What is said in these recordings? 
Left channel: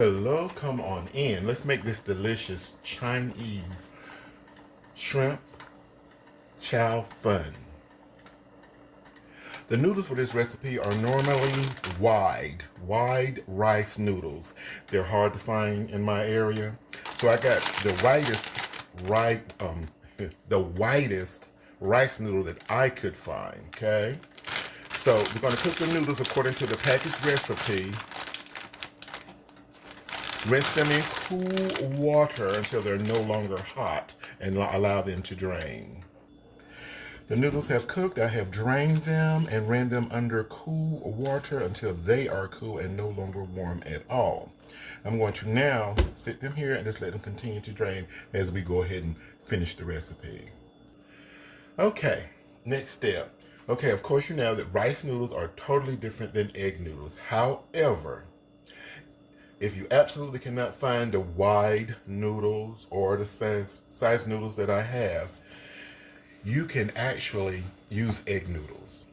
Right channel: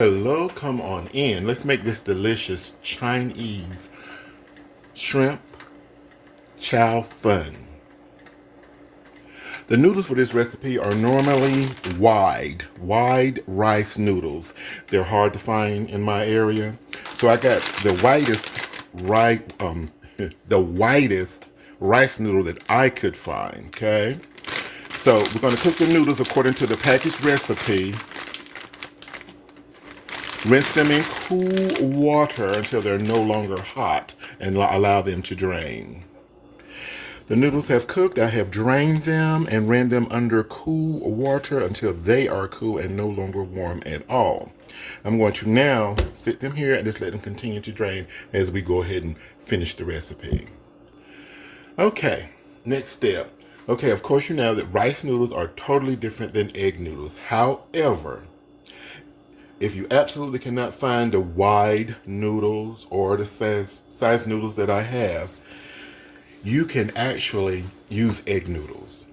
Hello, come on in. Let's make this delicious Chinese shrimp chow fun. The noodles for this recipe are normally wide rice noodles. They're hard to find in my area. So I got the the widest rice noodle that I could find, okay? So we're gonna cook the noodles according to the packaged recipe. Rinse them in cool water until they're no longer hot and allow them to drain. The noodles have cooked. I have drained them and ran them under cool water until they are cool and no longer warm at all. I'm going to now sit them here and just let them continue to drain as we go ahead and finish the recipe. Okay, next step. Okay, of course you know that rice noodles are totally different than egg noodles. However, if you absolutely cannot find the wide noodles or the size noodles that I have, you can actually use egg noodles.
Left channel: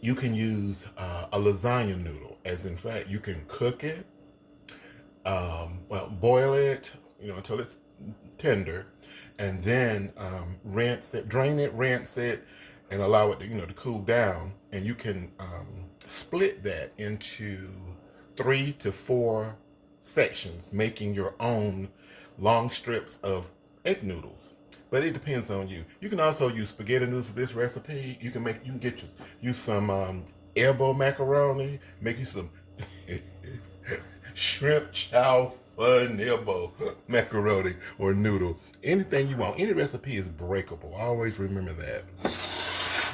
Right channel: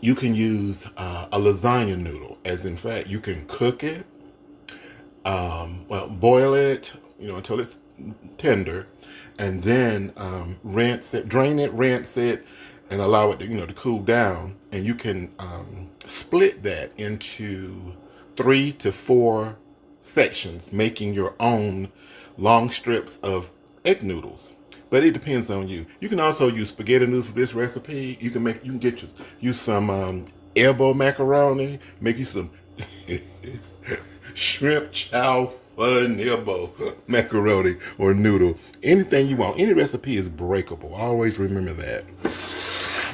You can use a lasagna noodle, as in fact, you can cook it, boil it, until it's tender, and then rinse it, drain it, rinse it, and allow it to cool down. And you can split that into 3 to 4 sections, making your own long strips of egg noodles. But it depends on you. You can also use spaghetti noodles for this recipe. You can get you some elbow macaroni, make you some shrimp chow fun elbow macaroni or noodle. Anything you want. Any recipe is breakable. Always remember that.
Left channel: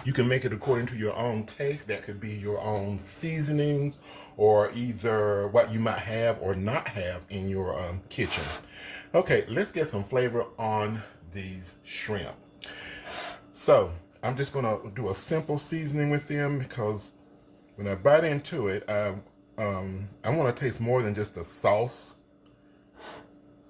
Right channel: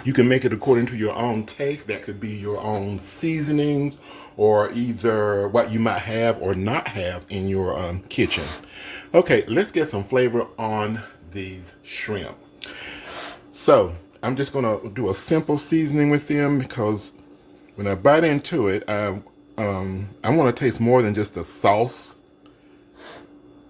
You can make it according to your own taste. That could be your own seasonings or either what you might have or not have in your kitchen. Okay, let's get some flavor on these shrimp. So I'm just gonna do a simple seasoning with them because when I bite into it, I want to taste more than just the sauce.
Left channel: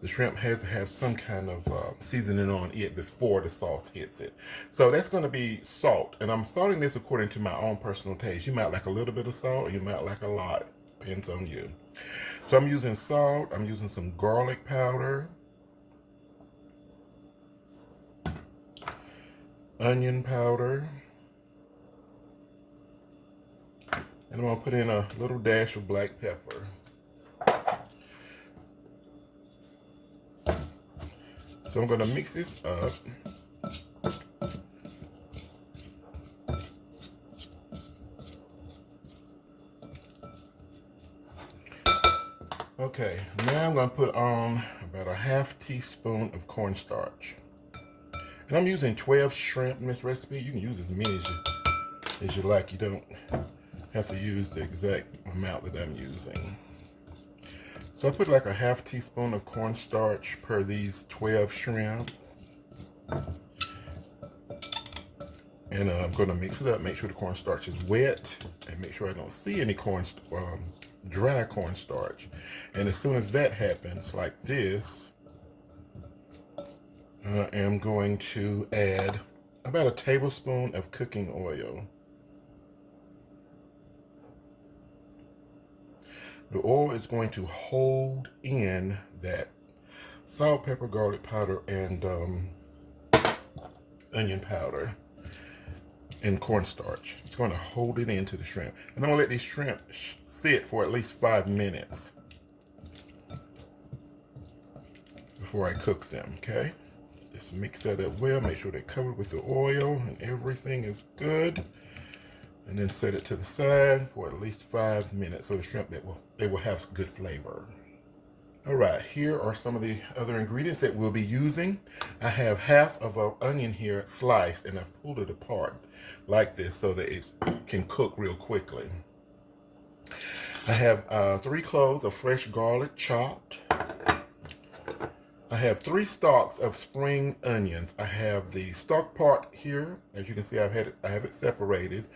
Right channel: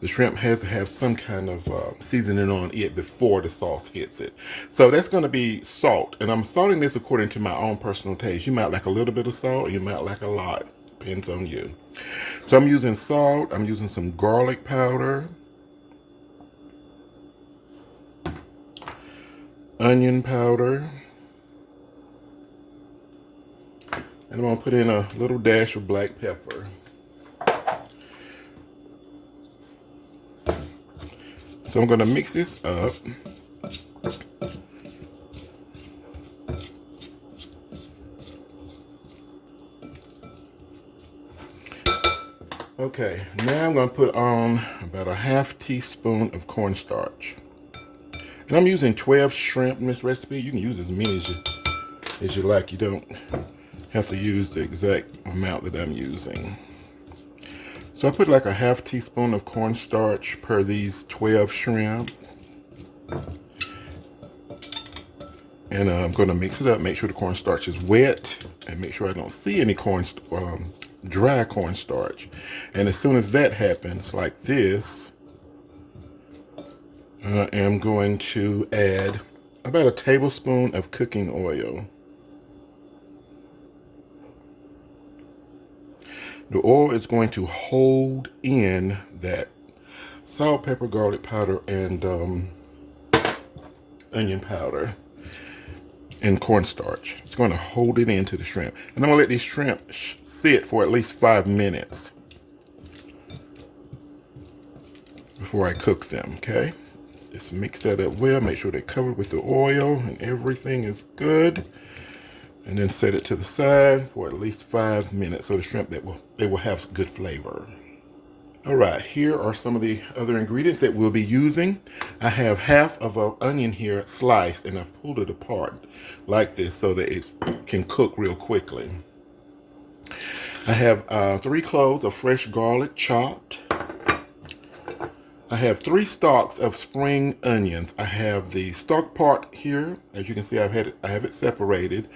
The shrimp has to have some kind of seasoning on it before the sauce hits it. So that's going to be salt. And I'm salting this according to my own personal taste. You might like a little bit of salt or you might like a lot. Depends on you. So I'm using salt. I'm using some garlic powder. Onion powder. And I'm going to put in a little dash of black pepper. So I'm going to mix this up. Okay, now I'm going to put on about a half teaspoon of cornstarch. And I'm using 12 shrimp in this recipe. You can use as many as you like. You don't have to use the exact amount that I'm using. So I put like a half teaspoon of cornstarch per these 12 shrimp. And I'm going to mix it up, make sure the cornstarch is wet, and make sure I don't see any dry cornstarch. And as soon as that happens, like this, I am going to add about a tablespoon of cooking oil. The oil is going to hold in that salt, pepper, garlic powder, and onion powder and cornstarch. It's going to hold it into the shrimp. And I'm going to let these shrimp sit for at least 5 minutes before I cook them, okay? Just mix that up well. Make sure they're covered with the oil and everything is good. And then set it to the side for at least 5 minutes so the shrimp they will have good flavor. All right, here are some of the other ingredients that we'll be using. I have half of an onion here sliced and I've pulled it apart like this so that it can cook real quickly. I have 3 cloves of fresh garlic chopped. I have 3 stalks of spring onions. I have the stalk part here. As you can see, I have it separated,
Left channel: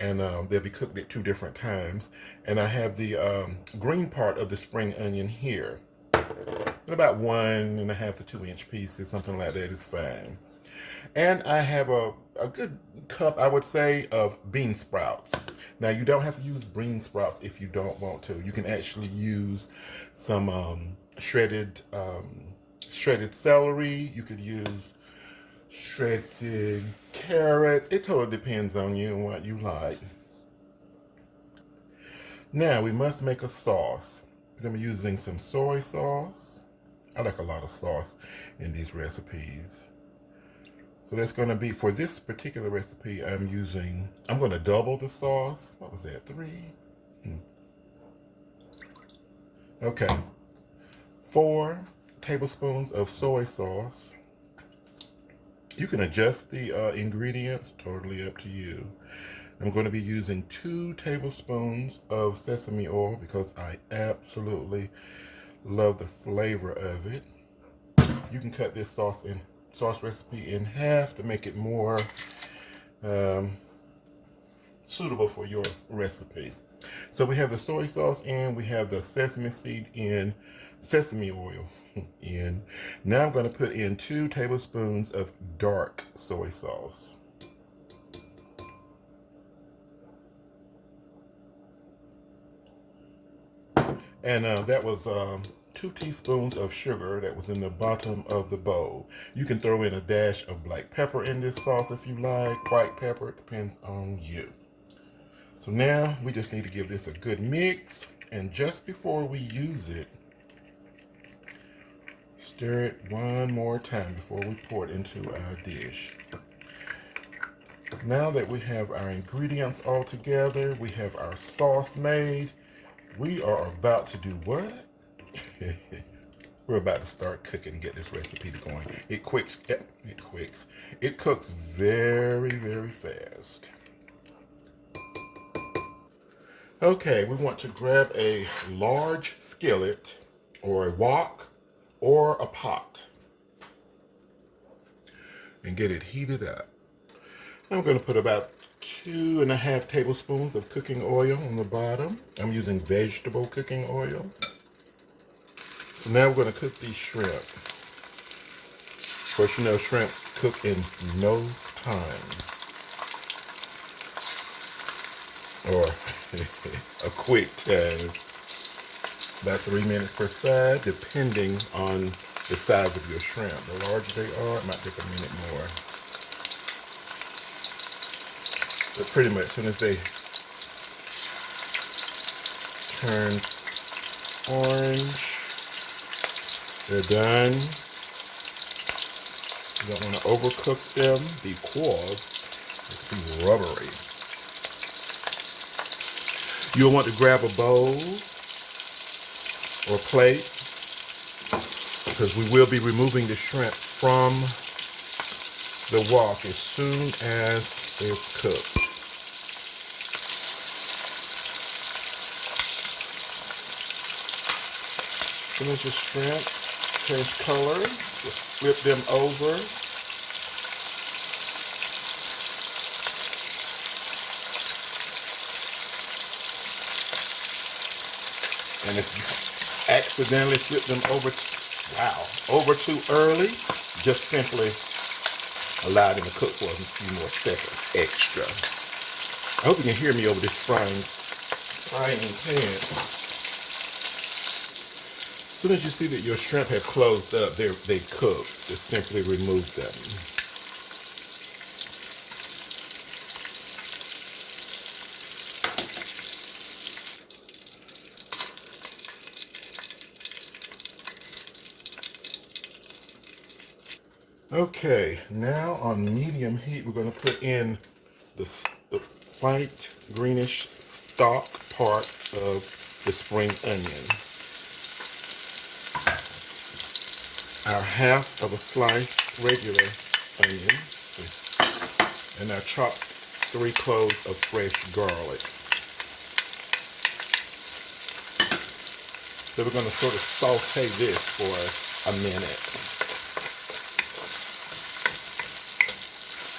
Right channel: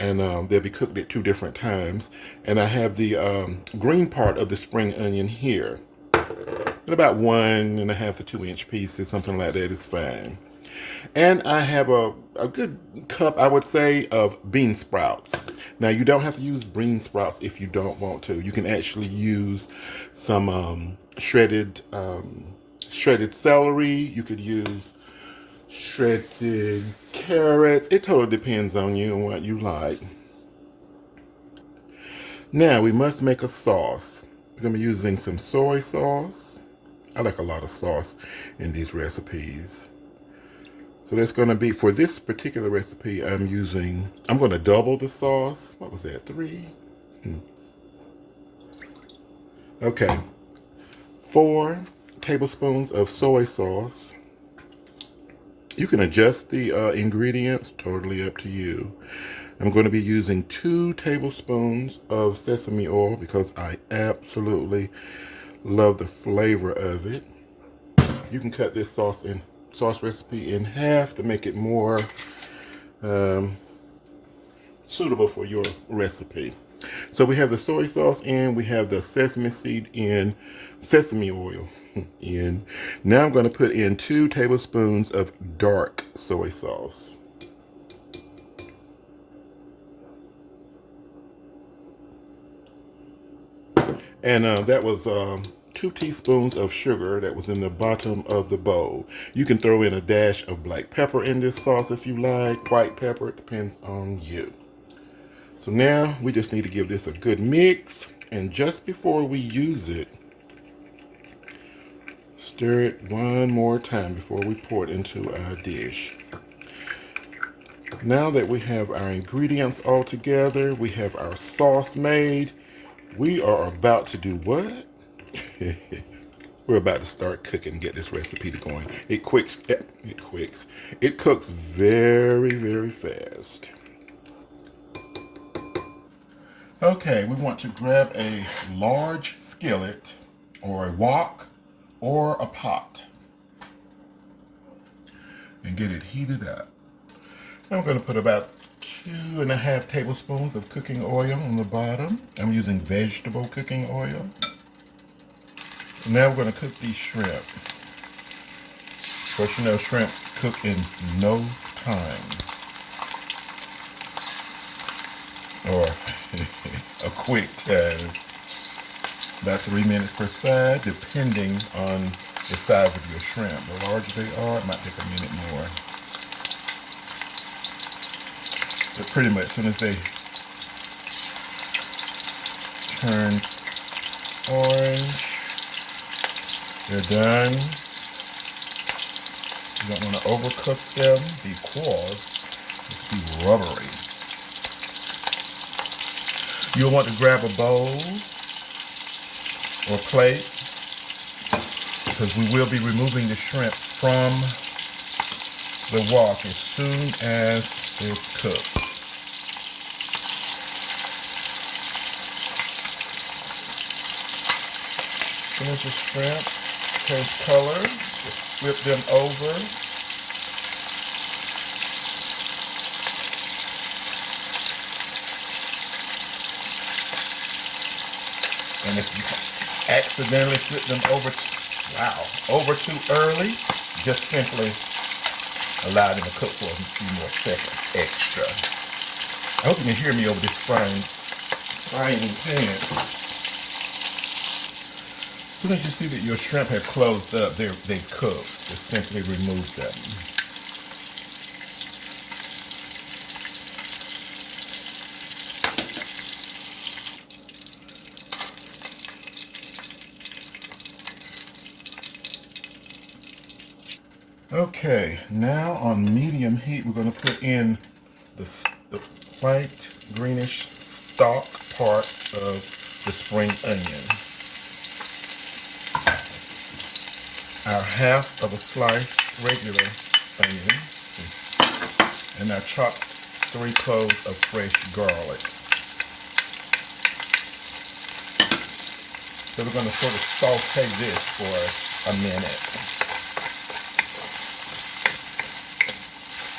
and they'll be cooked at 2 different times. And I have the green part of the spring onion here. And about 1.5 to 2 inch pieces, something like that is fine. And I have a good cup, I would say, of bean sprouts. Now, you don't have to use bean sprouts if you don't want to. You can actually use some shredded celery. You could use shredded carrots. It totally depends on you and what you like. Now, we must make a sauce. We're going to be using some soy sauce. I like a lot of sauce in these recipes. So that's going to be, for this particular recipe, I'm going to double the sauce. What was that, 3? Okay, 4 tablespoons of soy sauce. You can adjust the ingredients, totally up to you. I'm going to be using 2 tablespoons of sesame oil because I absolutely love the flavor of it. You can cut this sauce recipe in half to make it more suitable for your recipe. So we have the soy sauce and we have the sesame oil in. Now I'm going to put in 2 tablespoons of dark soy sauce. And that was 2 teaspoons of sugar that was in the bottom of the bowl. You can throw in a dash of black pepper in this sauce if you like. White pepper, it depends on you. So now we just need to give this a good mix. And just before we use it, stir it one more time before we pour it into our dish. Now that we have our ingredients all together, we have our sauce made, we are about to do what? We're about to start cooking, get this recipe going. It cooks very, very fast. Okay, we want to grab a large skillet or a wok or a pot and get it heated up. I'm going to put about 2.5 tablespoons of cooking oil on the bottom. I'm using vegetable cooking oil. So now we're going to cook these shrimp. Of course, you know shrimp cook in no time. Or a quick time. About 3 minutes per side, depending on the size of your shrimp. The larger they are, it might take a minute more. But pretty much, as soon as they turn orange, they're done. You don't want to overcook them because it's too rubbery. You'll want to grab a bowl or plate because we will be removing the shrimp from the wok as soon as it's cooked. As soon as the shrimp turns color, just flip them over. And if you accidentally flip them over too early, just simply allow them to cook for a few more seconds extra. I hope you can hear me over this frying pan. As soon as you see that your shrimp have closed up, they've cooked. Just simply remove them. Okay, now on medium heat, we're going to put in the white greenish stalk part of the spring onion. Our half of a sliced regular onion, and our chopped 3 cloves of fresh garlic. So we're going to sort of saute this for a minute.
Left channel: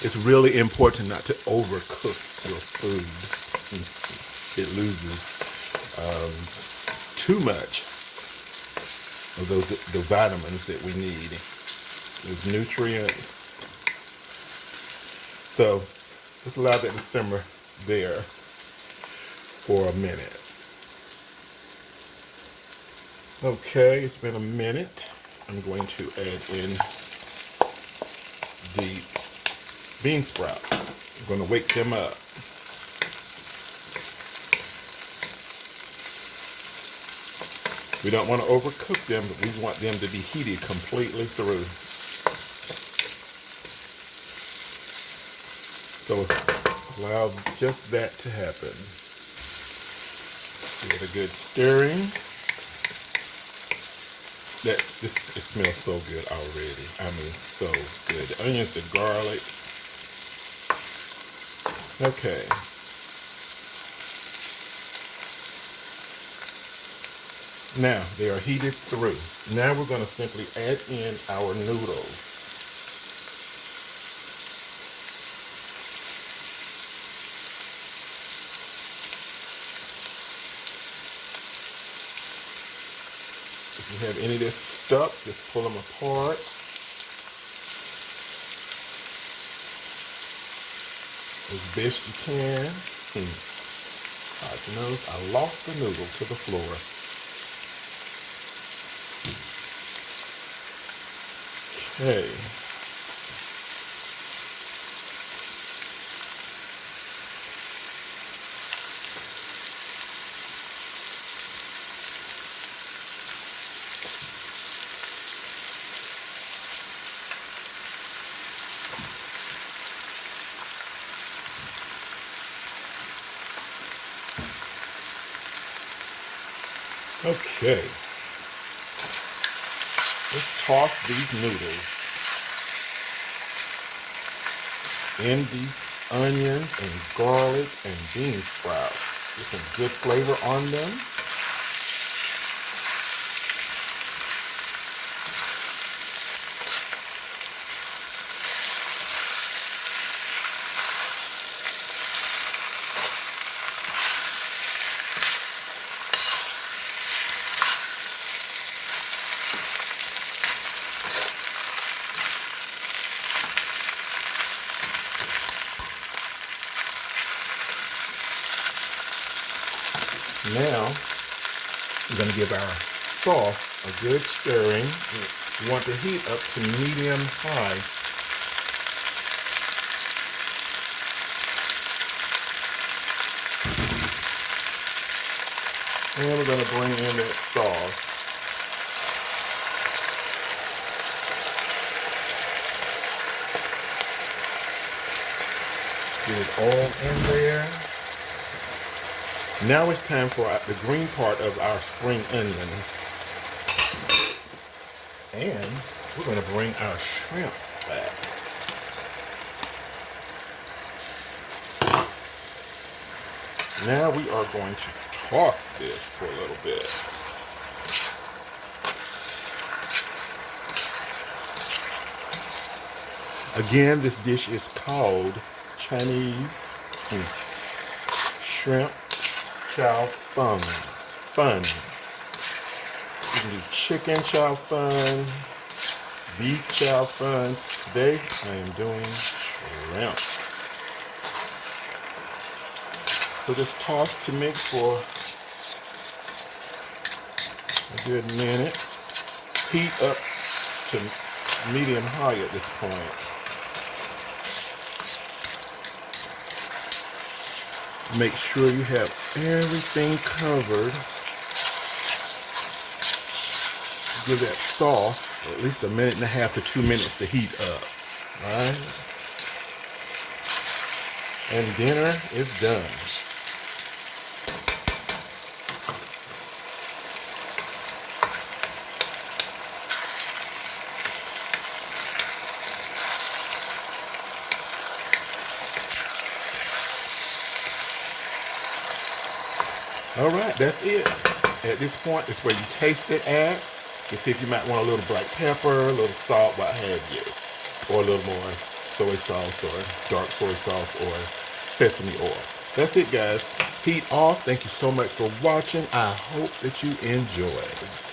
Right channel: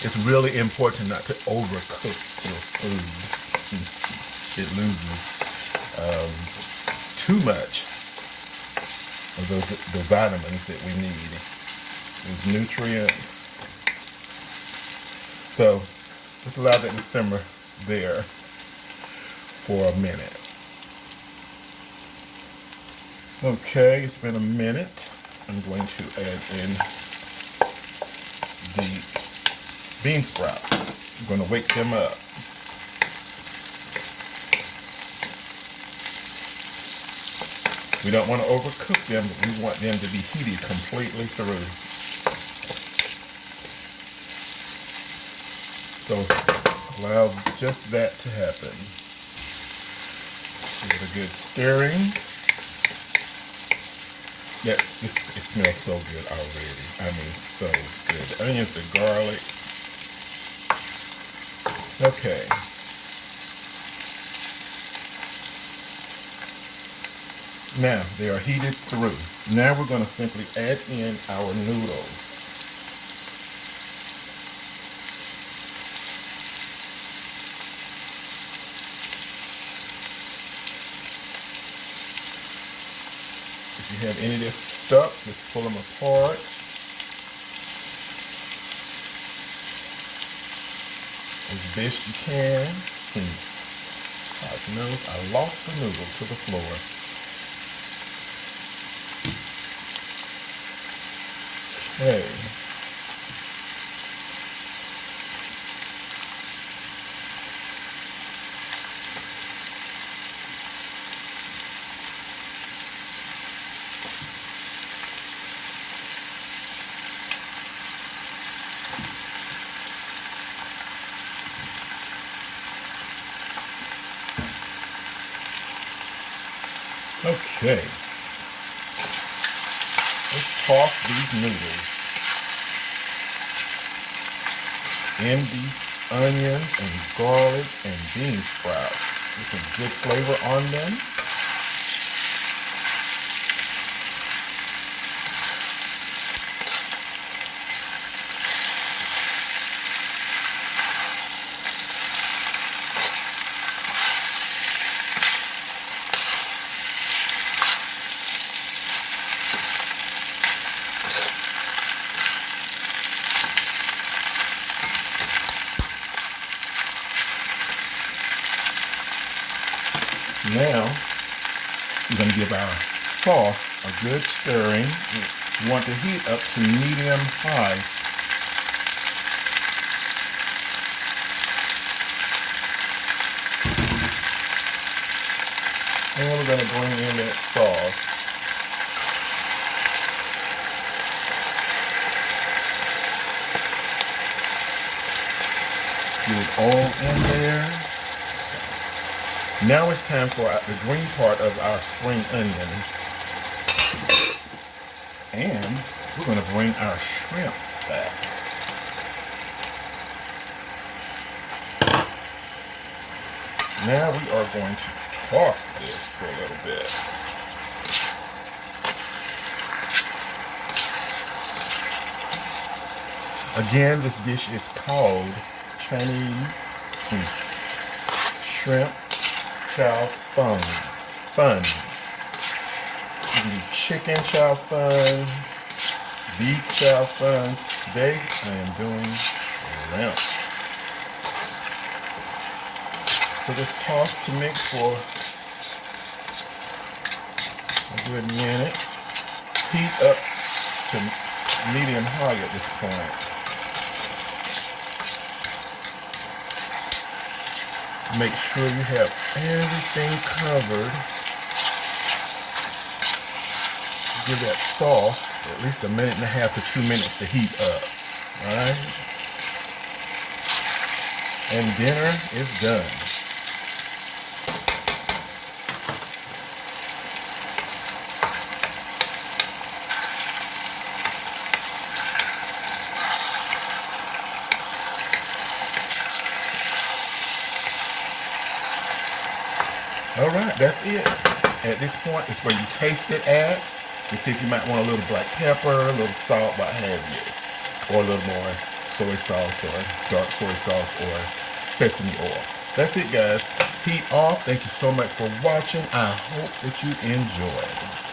It's really important not to overcook your food. It loses too much of the vitamins that we need. Those nutrients. So just allow that to simmer there for a minute. Okay, it's been a minute. I'm going to add in the bean sprouts. I'm going to wake them up. We don't want to overcook them, but we want them to be heated completely through. So allow just that to happen. Give it a good stirring. It smells so good already. I mean, so good. The onions, the garlic. Okay. Now, they are heated through. Now we're going to simply add in our noodles. If you have any that's stuck, just pull them apart. As best you can. I noticed I lost the noodle to the floor. Okay. Okay. Let's toss these noodles in these onions and garlic and bean sprouts. Get some good flavor on them. Now, we're going to give our sauce a good stirring. You want the heat up to medium high. And we're going to bring in that sauce. Get it all in there. Now it's time for the green part of our spring onions. And we're going to bring our shrimp back. Now we are going to toss this for a little bit. Again, this dish is called Chinese shrimp chow fun. You can do chicken chow fun, beef chow fun. Today I am doing shrimp. So just toss to mix for a good minute. Heat up to medium high at this point. Make sure you have everything covered. Give that sauce at least 1.5 minutes to 2 minutes to heat up. Alright? And dinner is done. Alright, that's it. At this point, it's where you taste it at. You see if you might want a little black pepper, a little salt, what have you. Or a little more soy sauce or dark soy sauce or sesame oil. That's it, guys. Heat off. Thank you so much for watching. I hope that you enjoyed.